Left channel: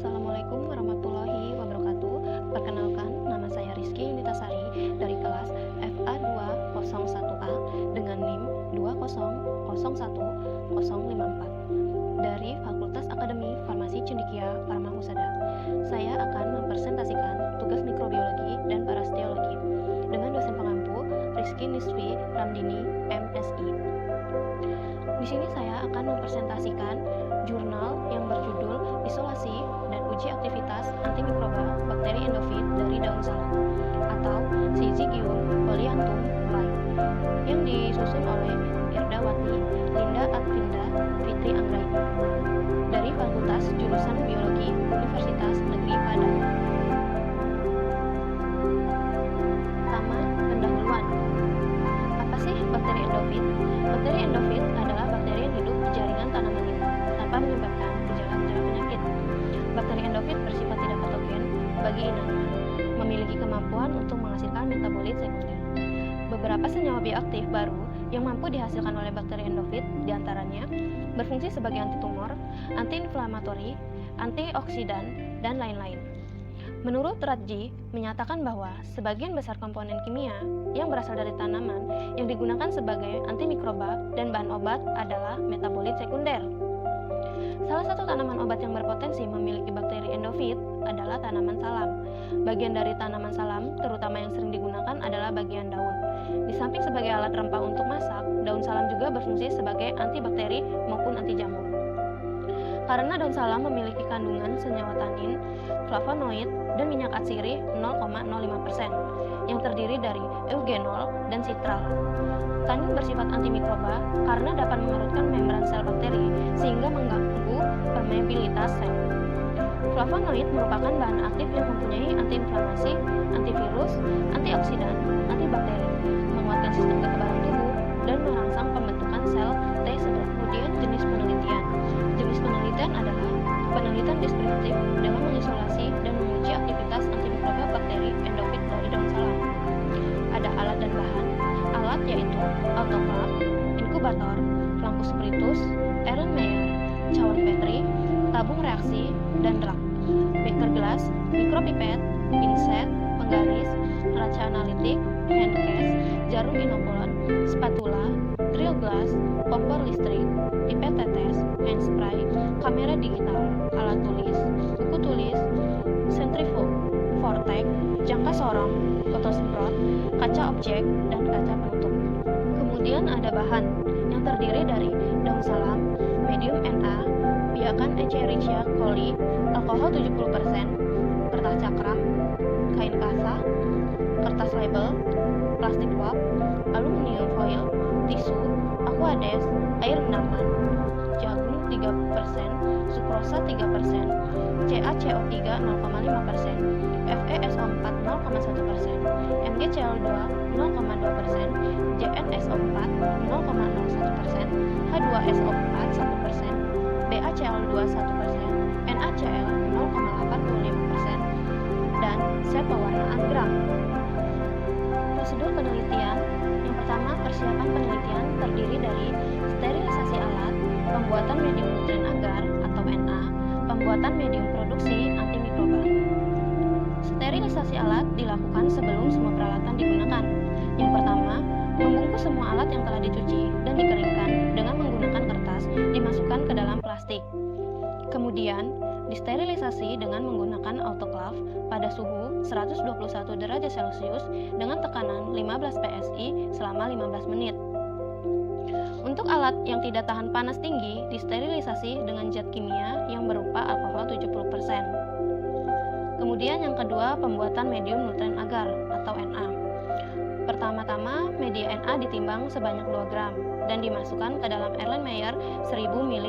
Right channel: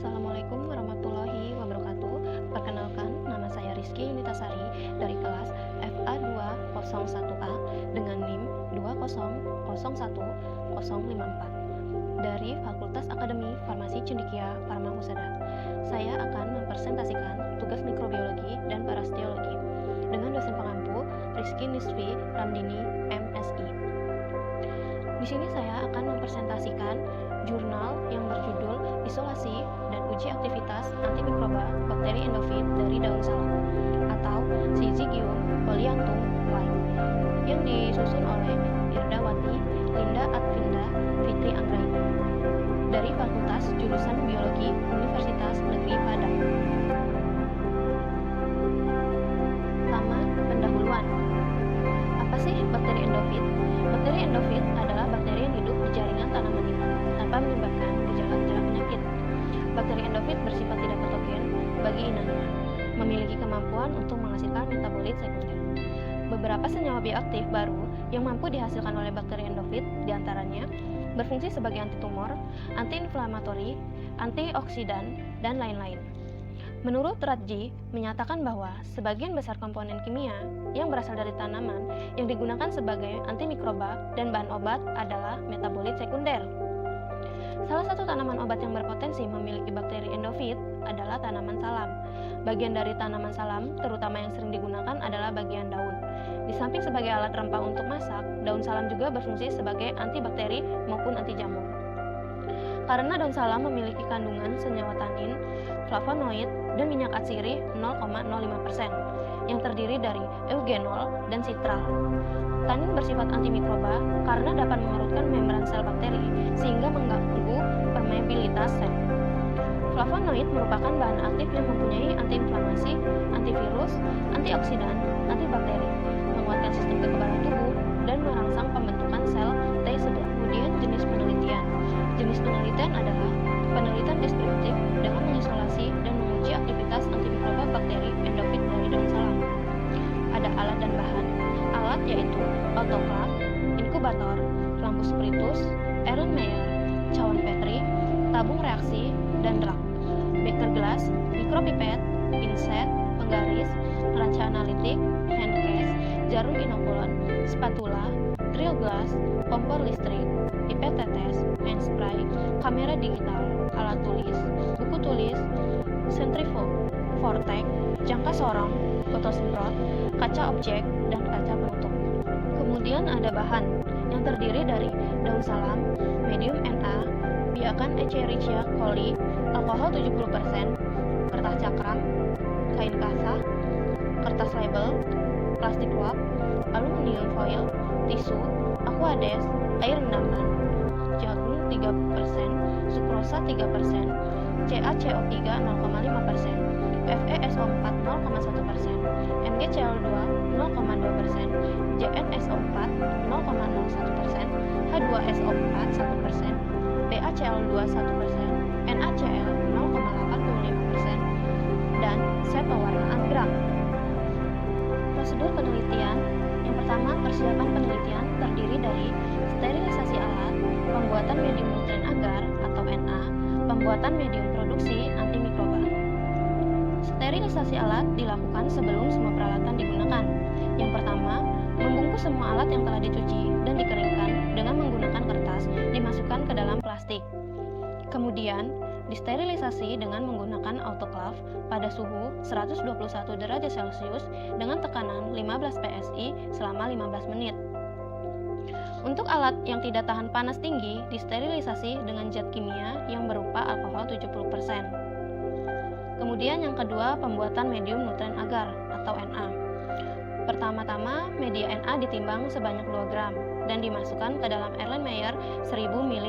Assalamualaikum warahmatullahi wabarakatuh. Perkenalkan, nama saya Rizky Nitasari dari kelas FA 201A dengan NIM 2001054 dari Fakultas Akademi Farmasi Cendekia Farma Husada. Saya akan mempresentasikan tugas mikrobiologi dan parasitologi dengan dosen pengampu Rizky Nisfi Ramdini, MSI. Di sini saya akan mempresentasikan jurnal yang berjudul Isolasi dan Uji Aktivitas Antimikroba Bakteri Endofit dari Daun Salam atau Syzygium polyanthum White yang disusun oleh Irdawati Linda Advinda Fitri Anggraini dari Fakultas Jurusan Biologi Universitas Negeri Padang. Pertama, pendahuluan. Apa sih bakteri endofit? Bakteri endofit adalah bakteri yang hidup di jaringan tanaman inang tanpa menyebabkan gejala-gejala penyakit. Bakteri endofit bersifat tidak patogen bagi inangnya, memiliki kemampuan untuk menghasilkan metabolit sekunder. Beberapa senyawa bioaktif baru yang mampu dihasilkan oleh bakteri endofit diantaranya berfungsi sebagai antitumor, antiinflamatori, antioksidan, dan lain-lain. Menurut Radji, menyatakan bahwa sebagian besar komponen kimia yang berasal dari tanaman yang digunakan sebagai antimikroba dan bahan obat adalah metabolit sekunder. Salah satu tanaman obat yang berpotensi memiliki bakteri endofit adalah tanaman salam. Bagian dari tanaman salam, terutama yang sering digunakan adalah bagian daun. Di samping sebagai alat rempah untuk masak, daun salam juga berfungsi sebagai antibakteri maupun anti jamur. Karena daun salam memiliki kandungan senyawa tanin, flavonoid, dan minyak atsiri 0,05% yang terdiri dari eugenol dan citral. Tanin bersifat antimikroba karena dapat mengerutkan membran sel bakteri sehingga mengganggu permeabilitas sel. Flavonoid merupakan bahan aktif yang mempunyai antiinflamasi, antivirus, antioksidan, antibakteri, menguatkan sistem kekebalan tubuh, dan merangsang pembentukan sel T11. Kemudian jenis penelitian. Jenis penelitian adalah penelitian deskriptif dengan mengisolasi dan menguji aktivitas antimikroba bakteri endofit dari daun salam. Ada alat dan bahan. Alat yaitu autoklav, inkubator, lampu spiritus, Erlenmeyer, cawan Petri, tabung reaksi, dan rak. Beker gelas, mikropipet, pinset, penggaris, neraca analitik, handcase, jarum inokulon, spatula, drill glass, kompor listrik, pipet tetes, hand spray, kamera digital, alat tulis, buku tulis, sentrifuge, vortex, jangka sorong, fotosemprot, kaca objek, dan kaca penutup. Kemudian ada bahan yang terdiri dari daun salam, medium Na, biakan Escherichia coli, alkohol 70%, kertas cakram, kain kasa, kertas label, plastik wrap, aluminium foil, tisu, aquades, air rendaman, jagung 3%, sukrosa 3%, CaCO3 0,5%, FeSO4 0,1%, MgCl2 0,2%, JnSO4 0,01%, H2SO4 1%, BaCl2 1%, NaCl 0,85%, dan zat pewarnaan gram. Prosedur penelitian. Yang pertama, persiapan penelitian terdiri dari sterilisasi alat, pembuatan medium nutrien agar atau Na, pembuatan medium produksi antimikroba. Sterilisasi alat dilakukan sebelum semua peralatan digunakan. Yang pertama, membungkus semua alat yang telah dicuci dan dikeringkan dengan menggunakan kertas dimasukkan ke dalam plastik. Kemudian, disterilisasi dengan menggunakan autoklav pada suhu 121 derajat Celcius dengan tekanan 15 PSI selama 15 menit. Untuk alat yang tidak tahan panas tinggi, disterilisasi dengan zat kimia yang berupa alkohol 70%. Kemudian yang kedua, pembuatan medium nutrien agar atau Na. Pertama-tama, media Na ditimbang sebanyak 2 gram dan dimasukkan ke dalam Erlenmeyer 1000 ml.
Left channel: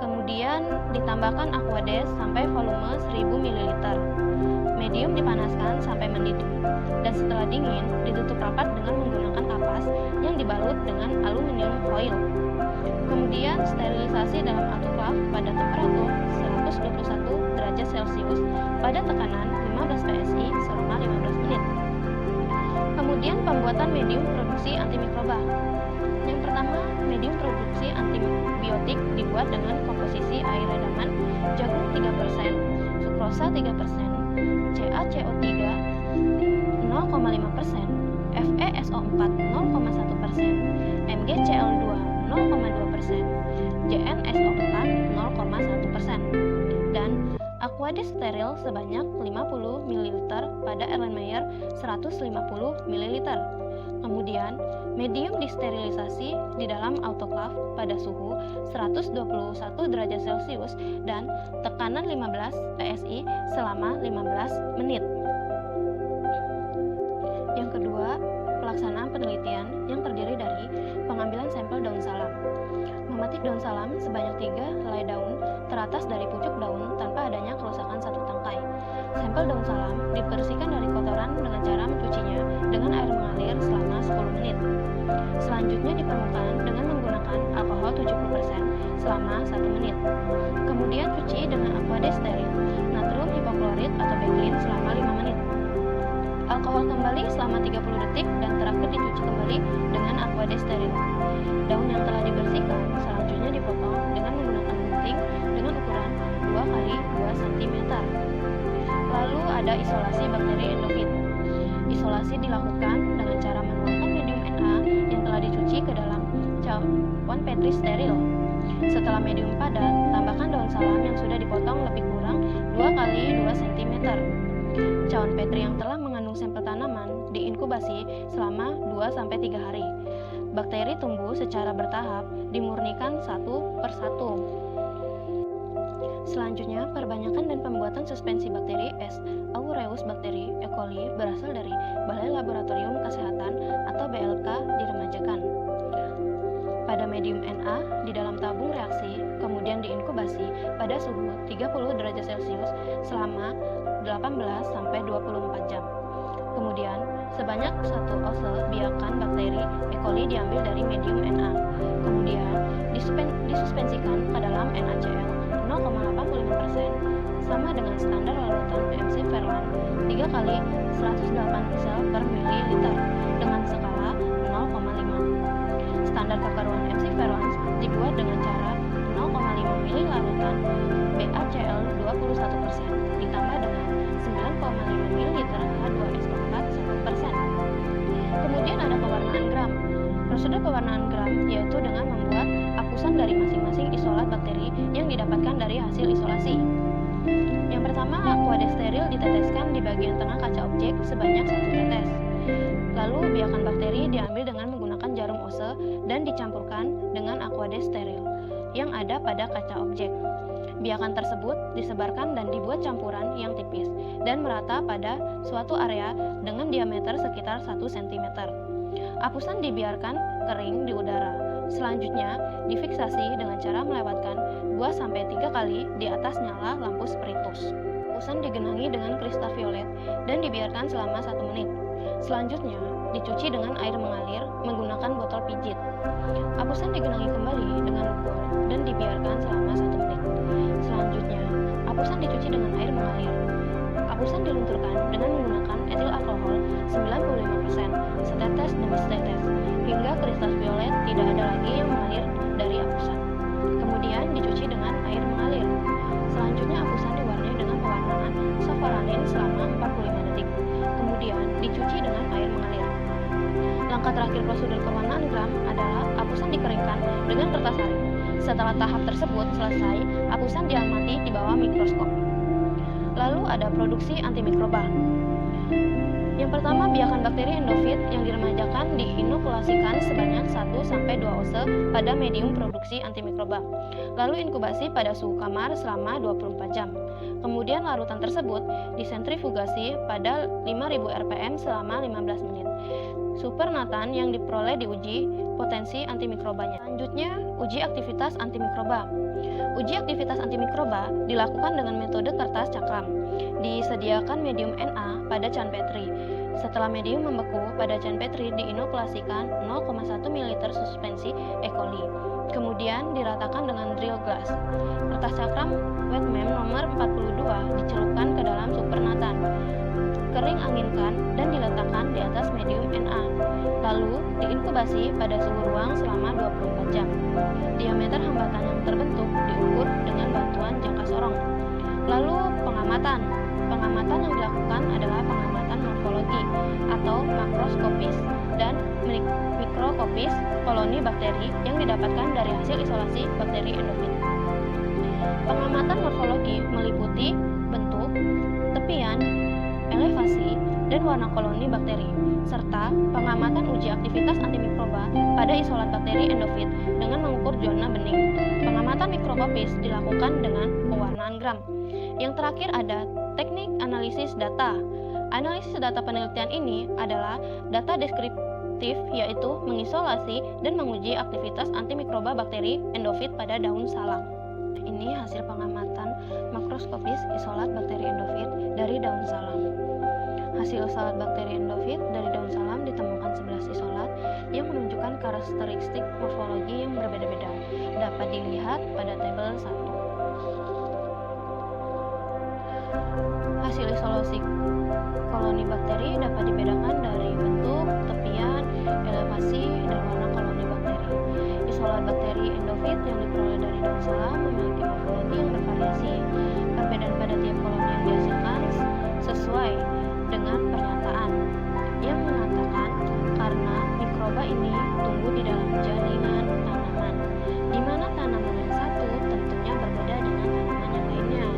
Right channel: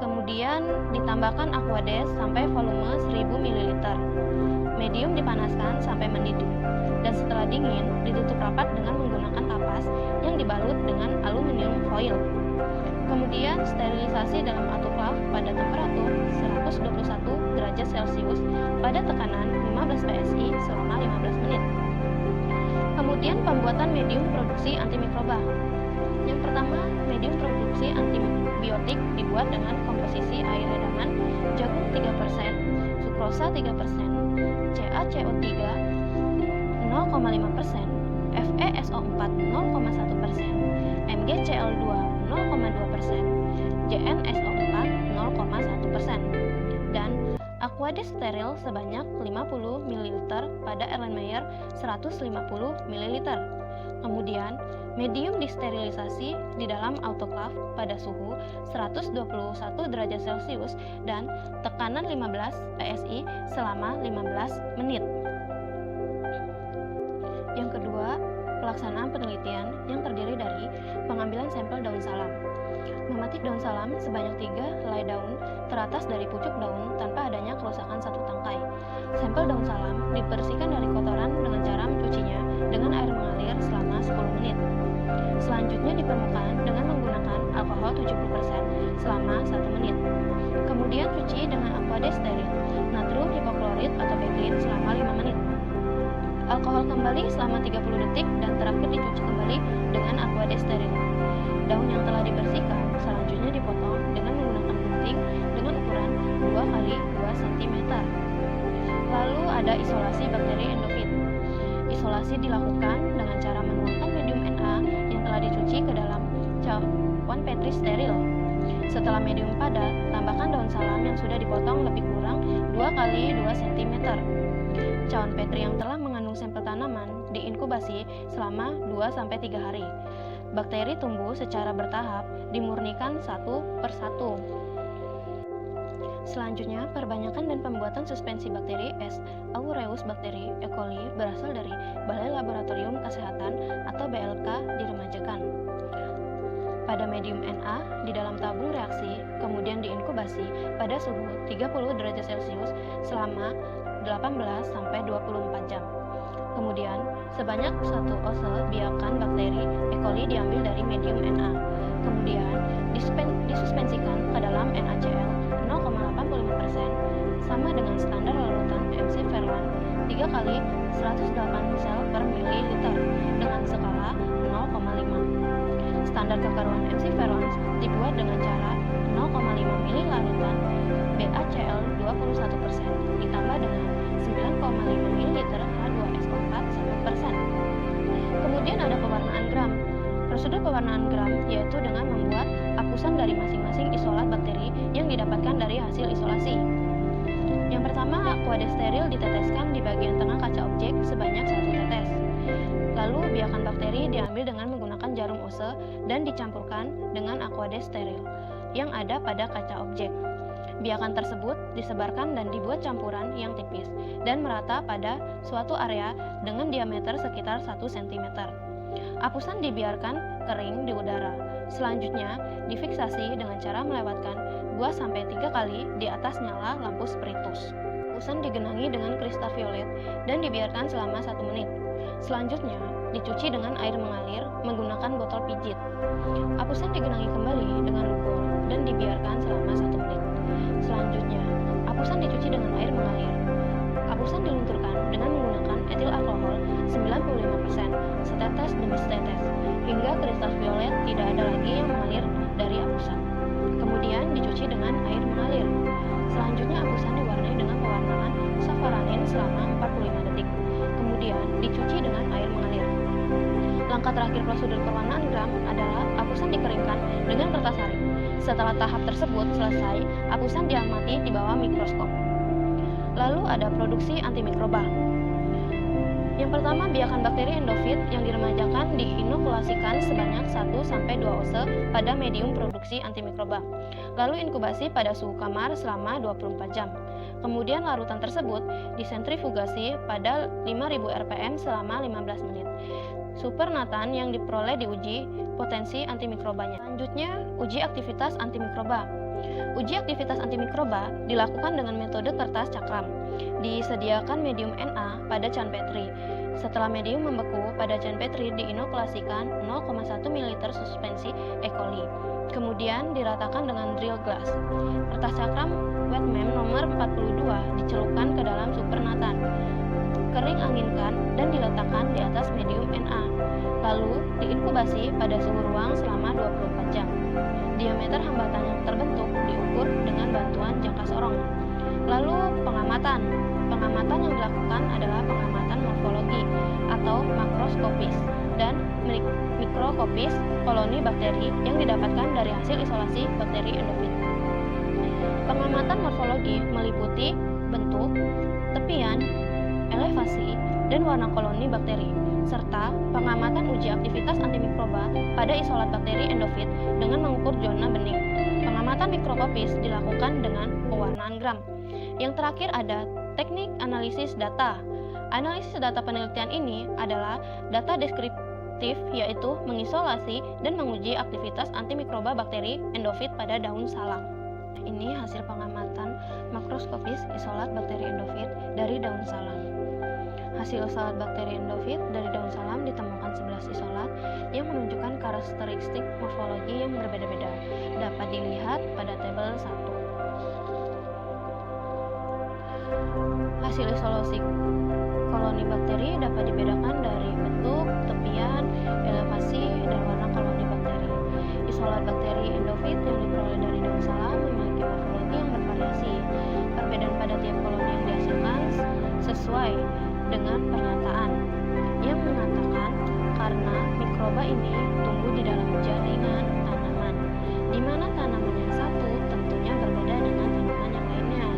Kemudian ditambahkan aquades sampai volume 1000 ml. Medium dipanaskan sampai mendidih dan setelah dingin ditutup rapat dengan menggunakan kapas yang dibalut dengan aluminium foil. Kemudian sterilisasi dalam autoklav pada temperatur 121 derajat Celcius pada tekanan 15 PSI selama 15 menit. Kemudian pembuatan medium produksi antimikroba. Yang pertama, medium produksi antibiotik dibuat dengan komposisi air redaman, jagung 3%, sukrosa 3%, CaCO3 0,5%, FeSO4 0,1%, MgCl2 0,2%, JnSO4 0,1%, dan Aquades steril sebanyak 50 ml pada Erlenmeyer 150 ml. Kemudian, medium disterilisasi di dalam autoklaf pada suhu 121 derajat Celcius dan tekanan 15 PSI selama 15 menit. Yang kedua, pelaksanaan penelitian yang terdiri dari pengambilan sampel daun salam. Memetik daun salam sebanyak 3 helai daun teratas dari pucuk daun tanpa adanya kerusakan satu tangkai. Sampel daun salam dibersihkan dari kotoran dengan cara mencucinya dengan air mengalir selama 10 menit. Selanjutnya di permukaan dengan menggunakan alkohol 70% selama 1 menit. Kemudian cuci dengan Aquades steril, natrium hipoklorit atau Beclin selama 5 menit. Alkohol kembali selama 30 detik dan terakhir dicuci kembali dengan Aquades steril. Daun yang telah dibersihkan selanjutnya dipotong dengan menggunakan gunting dengan ukuran 2 x 2 cm. Lalu ada isolasi bakteri endofit. Isolasi dilakukan dengan cara menuangkan medium Na yang telah dicuci ke dalam cawan Petri steril. Setelah medium padat, tambahkan daun salam yang sudah dipotong lebih kurang 2 x 2 cm. Cawan Petri yang telah mengandung sampel tanaman diinkubasi selama 2-3 hari. Bakteri tumbuh secara bertahap, dimurnikan satu persatu. Selanjutnya, perbanyakan dan pembuatan suspensi bakteri S. aureus bakteri E. coli berasal dari Balai Laboratorium Kesehatan atau BLK diremajakan pada medium Na di dalam tabung reaksi, kemudian diinkubasi pada suhu 30 derajat Celcius selama 18-24 jam. Kemudian, sebanyak 1 ose biakan bakteri E. coli diambil dari medium Na. Kemudian, disuspensikan ke dalam NaCl 0,85% sama dengan standar larutan MC Verlan 3 x 108 sel per mililiter dengan skala 0,5. Standar kekeruan MC Verlan dibuat dengan cara 0,5 ml larutan BaCl 21% ditambah dengan 9,5 ml H2SO4 1%. Kemudian ada pewarnaan gram. Prosedur pewarnaan gram yaitu dengan membuat apusan dari masing-masing isolat bakteri yang didapatkan dari hasil isolasi. Yang pertama, Aquades steril diteteskan di bagian tengah kaca objek sebanyak 1 tetes. Lalu biakan bakteri diambil dengan menggunakan jarum ose dan dicampurkan dengan Aquades steril yang ada pada kaca objek. Biakan tersebut disebarkan dan dibuat campuran yang tipis dan merata pada suatu area dengan diameter sekitar 1 cm. Apusan dibiarkan kering di udara. Selanjutnya, difiksasi dengan cara melewatkan 2-3 kali di atas nyala lampu spiritus. Apusan digenangi dengan kristal violet dan dibiarkan selama 1 menit. Selanjutnya, dicuci dengan air mengalir menggunakan botol pijit. Apusan digenangi kembali dengan lugol dan dibiarkan selama 1 menit. Selanjutnya, apusan dicuci dengan air mengalir. Apusan dilunturkan dengan menggunakan etil alkohol 95%, setetes demi setetes, hingga kristal violet tidak ada lagi yang mengalir dari apusan. Kemudian dicuci dengan air mengalir. Selanjutnya apusan diwarnai dengan pewarnaan safaranin selama 45 detik. Kemudian dicuci dengan air mengalir. Langkah terakhir prosedur pewarnaan gram adalah apusan dikeringkan dengan kertas saring. Setelah tahap tersebut selesai, apusan diamati di bawah mikroskop. Lalu ada produksi antimikroba. Yang pertama, biakan bakteri endofit yang diremajakan diinokulasikan sebanyak 1-2 ose pada medium produksi antimikroba. Lalu inkubasi pada suhu kamar selama 24 jam. Kemudian larutan tersebut disentrifugasi pada 5000 rpm selama 15 menit. Supernatan yang diperoleh diuji potensi antimikrobanya. Selanjutnya, uji aktivitas antimikroba. Uji aktivitas antimikroba dilakukan dengan metode kertas cakram. Disediakan medium Na pada can Petri. Setelah medium membeku pada can Petri diinokulasikan 0,1 ml suspensi E. coli. Kemudian diratakan dengan drill glass. Kertas cakram Wetmem nomor 42 dicelupkan ke dalam supernatan. Kering anginkan dan diletakkan di atas medium Na. Lalu diinkubasi pada suhu ruang selama 24 jam. Diameter hambatan yang terbentuk diukur dengan bantuan jangka sorong. Lalu pengamatan. Pengamatan yang dilakukan adalah pengamatan morfologi atau makroskopis dan mikroskopis koloni bakteri yang didapatkan dari hasil isolasi bakteri endofit. Pengamatan morfologi meliputi bentuk, tepian, elevasi, dan warna koloni bakteri, serta pengamatan uji aktivitas antimikroba pada isolat bakteri endofit dengan mengukur zona bening. Pengamatan mikroskopis dilakukan dengan pewarnaan gram. Yang terakhir ada teknik analisis data. Analisis data penelitian ini adalah data deskriptif, yaitu mengisolasi dan menguji aktivitas antimikroba bakteri endofit pada daun salam. Ini hasil pengamatan makroskopis isolat bakteri endofit dari daun salam. Hasil isolat bakteri endofit dari daun salam ditemukan 11 isolat yang menunjukkan karakteristik morfologi yang berbeda-beda. Dapat dilihat pada tabel 1. Hasil isolasi koloni bakteri dapat dibedakan dari bentuk, tepian, elevasi, dan warna koloni bakteri. Isolat bakteri endofit yang diperoleh dari daun salam memiliki morfologi yang bervariasi. Perbedaan pada tiap koloni yang dihasilkan sesuai dengan pernyataan yang mengatakan karena mikroba ini tumbuh di dalam jaringan tanaman, di mana tanaman yang satu tentunya berbeda dengan tanaman yang lainnya.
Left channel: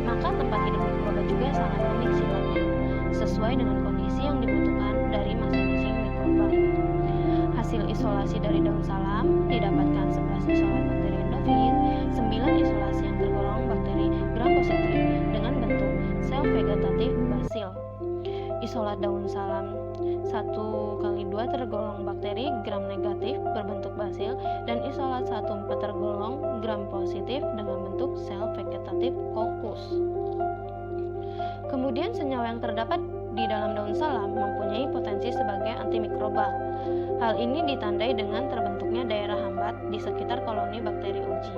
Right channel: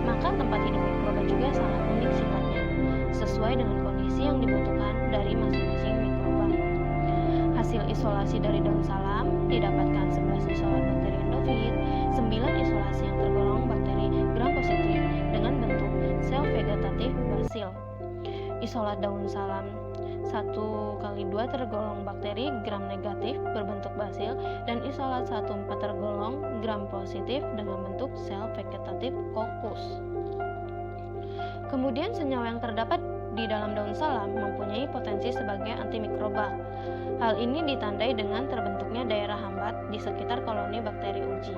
Maka tempat hidup mikroba juga sangat unik sifatnya, sesuai dengan kondisi yang dibutuhkan dari masing-masing mikroba. Hasil isolasi dari daun salam didapatkan 11 isolat bakteri endofit, 9 isolasi yang tergolong bakteri gram positif dengan bentuk sel vegetatif basil. Isolat daun salam 1/2 tergolong bakteri gram negatif berbentuk basil, dan isolat 1/4 tergolong gram positif dengan bentuk sel vegetatif kokus. Kemudian senyawa yang terdapat di dalam daun salam mempunyai potensi sebagai antimikroba. Hal ini ditandai dengan terbentuknya daerah hambat di sekitar koloni bakteri uji.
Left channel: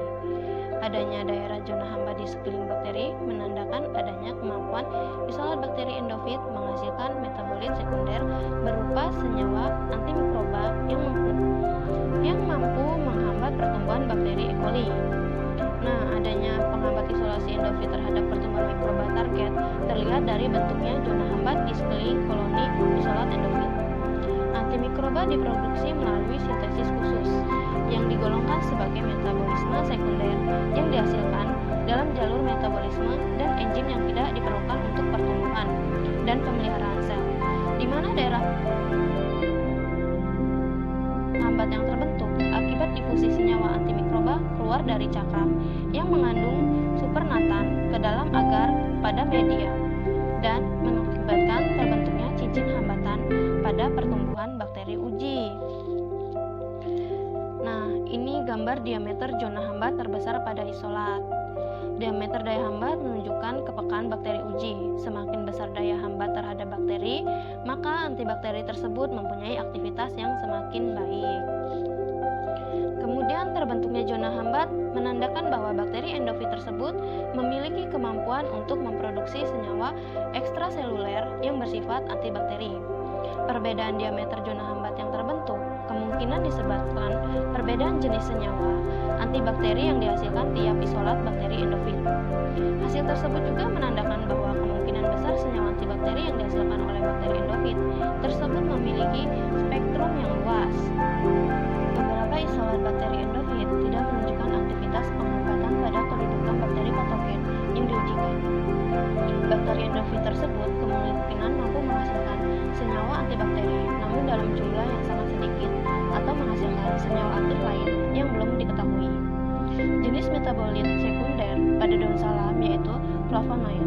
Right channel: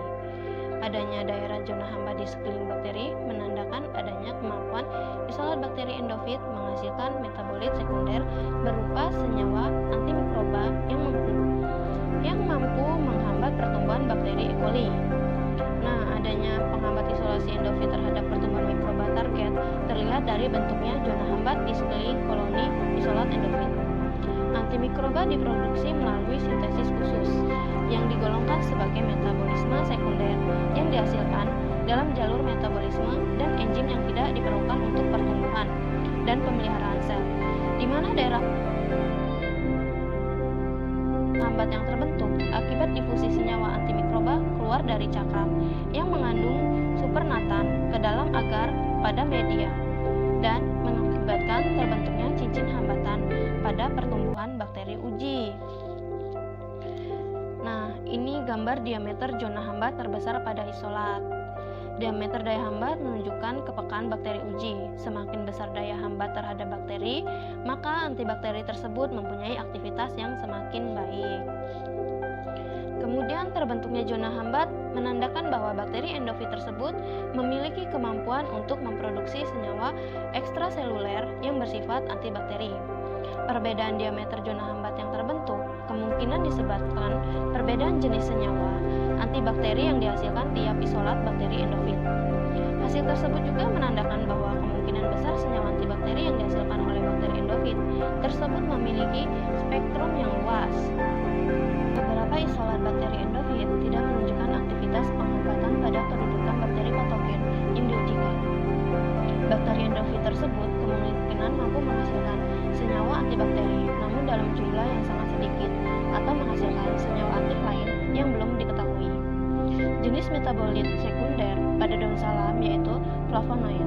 Adanya daerah zona hambat di sekeliling bakteri menandakan adanya kemampuan isolat bakteri endofit menghasilkan metabolit sekunder berupa senyawa antimikroba yang mampu menghambat pertumbuhan bakteri E. coli. Nah, adanya penghambat isolasi endofit terhadap pertumbuhan mikroba target terlihat dari bentuknya zona hambat di sekeliling koloni isolat endofit. Antimikroba diproduksi melalui sintesis khusus yang digolongkan sebagai metabolisme sekunder yang dihasilkan dalam jalur metabolisme dan enzim yang tidak diperlukan untuk pertumbuhan dan pemeliharaan sel, di mana daerah hambat yang terbentuk akibat difusi senyawa antimikroba keluar dari cakram yang mengandung supernatan ke dalam agar pada media dan mengakibatkan terbentuknya cincin hambatan pada pertumbuhan bakteri uji. Nah, ini gambar diameter zona hambat terbesar pada isolat. Diameter daya hambat menunjukkan kepekaan bakteri uji. Semakin besar daya hambat terhadap bakteri, maka antibakteri tersebut mempunyai aktivitas yang semakin baik. Kemudian terbentuknya zona hambat menandakan bahwa bakteri endofit tersebut memiliki kemampuan untuk memproduksi senyawa ekstraseluler yang bersifat antibakteri. Perbedaan diameter zona hambat yang terbentuk kemungkinan disebabkan perbedaan jenis senyawa antibakteri yang dihasilkan tiap isolat bakteri endofit. Hasil tersebut juga menandakan bahwa kemungkinan besar senyawa antibakteri yang dihasilkan oleh bakteri endofit tersebut memiliki spektrum yang luas. Beberapa isolat bakteri endofit tidak menunjukkan aktivitas penghambatan pada kedudukan bakteri patogen yang diujikan. Bakteri endofit tersebut kemungkinan mampu menghasilkan senyawa antibakteri, namun dalam jumlah yang sangat sedikit, atau menghasilkan senyawa aktif lain yang belum diketahui. Jenis metabolit sekunder pada daun salam yaitu flavonoid.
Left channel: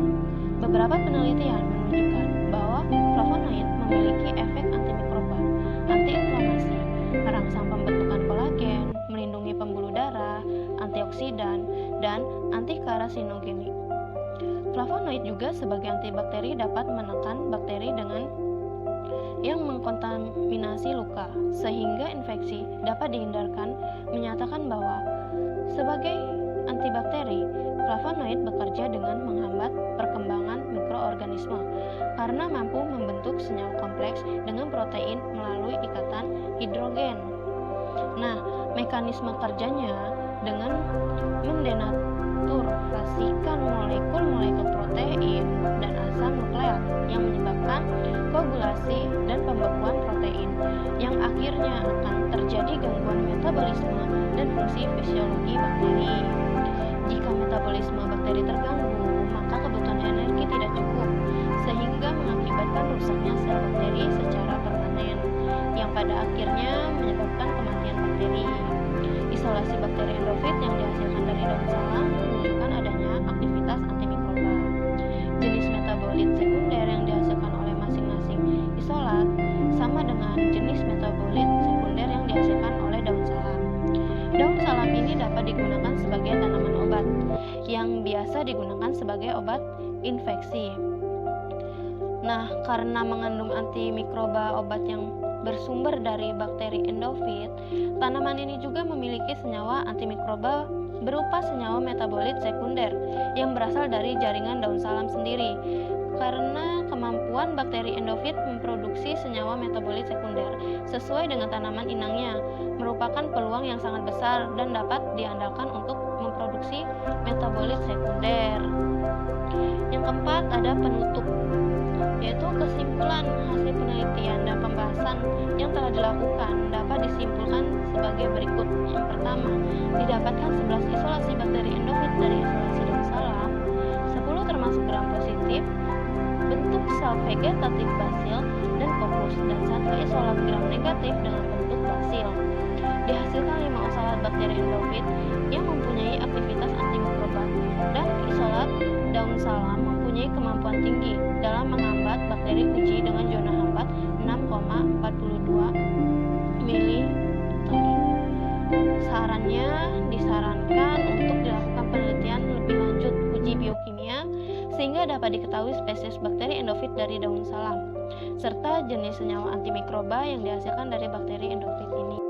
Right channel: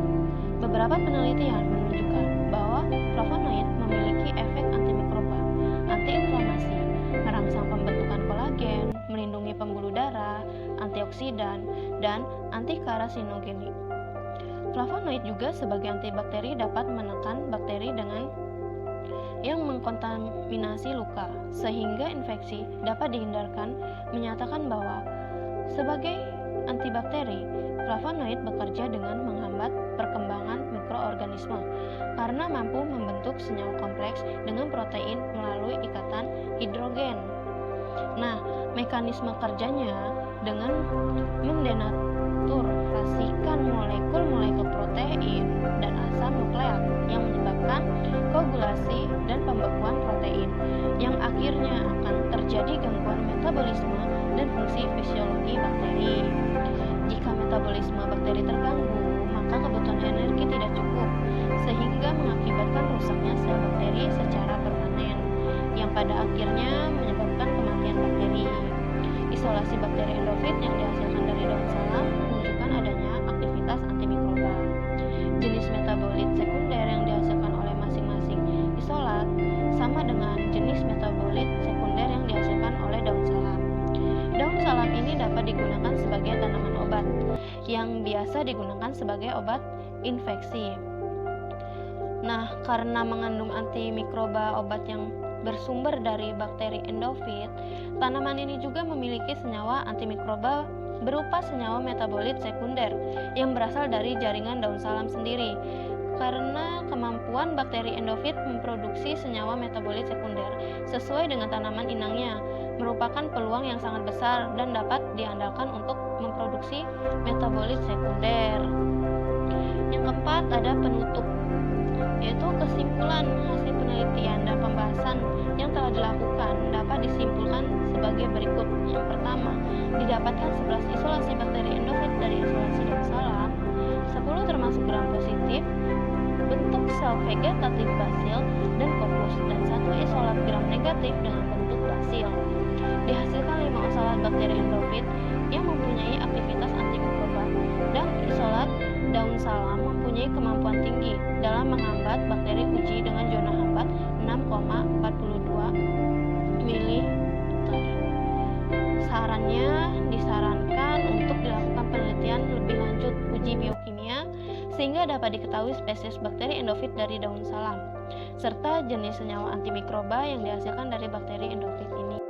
Beberapa penelitian menunjukkan bahwa flavonoid memiliki efek antimikroba, antiinflamasi, merangsang pembentukan kolagen, melindungi pembuluh darah, antioksidan, dan antikarasinogenik. Flavonoid juga sebagai antibakteri dapat menekan bakteri dengan yang mengkontaminasi luka, sehingga infeksi dapat dihindarkan, menyatakan bahwa sebagai antibakteri, flavonoid bekerja dengan menghambat perkembangan mikroorganisme karena mampu membentuk senyawa kompleks dengan protein melalui ikatan hidrogen. Nah, mekanisme kerjanya dengan mendenaturasikan molekul-molekul asam nukleat yang menyebabkan koagulasi dan pembekuan protein, yang akhirnya akan terjadi gangguan metabolisme dan fungsi fisiologi bakteri. Jika metabolisme bakteri terganggu, maka kebutuhan energi tidak cukup, sehingga mengakibatkan rusaknya sel bakteri secara permanen, yang pada akhirnya menyebabkan kematian bakteri. Isolasi bakteri endofit yang dihasilkan dari daun salam menunjukkan adanya aktivitas antimikroba. Jenis metabolit sekunder yang dihasilkan oleh masing-masing isolat sama dengan jenis metabolit sekunder yang dihasilkan oleh daun salam. Daun salam ini dapat digunakan sebagai tanaman obat, yang biasa digunakan sebagai obat infeksi. Nah, karena mengandung antimikroba obat yang bersumber dari bakteri endofit, tanaman ini juga memiliki senyawa antimikroba berupa senyawa metabolit sekunder yang berasal dari jaringan daun salam sendiri. Karena kemampuan bakteri endofit memproduksi senyawa metabolit sekunder sesuai dengan tanaman inangnya merupakan peluang yang sangat besar dan dapat diandalkan untuk memproduksi metabolit sekunder. Yang keempat, ada penutup, yaitu kesimpulan hasil penelitian dan pembahasan yang telah dilakukan dapat disimpulkan sebagai berikut. Yang pertama, didapatkan 11 isolasi bakteri endofit dari isolasi daun salam, 10 termasuk gram positif, bentuk sel vegetatif basil dan kokus, dan 1 isolat gram negatif dengan bentuk basil. Dihasilkan 5 isolat bakteri endofit yang mempunyai aktivitas antimikroba, dan isolat daun salam mempunyai kemampuan tinggi dalam menghambat bakteri uji dengan zona hambat 6,42 ml. Sarannya disarankan untuk dilakukan penelitian lebih lanjut uji biokimia sehingga dapat diketahui spesies bakteri endofit dari daun salam serta jenis senyawa antimikroba yang dihasilkan dari bakteri endofit ini.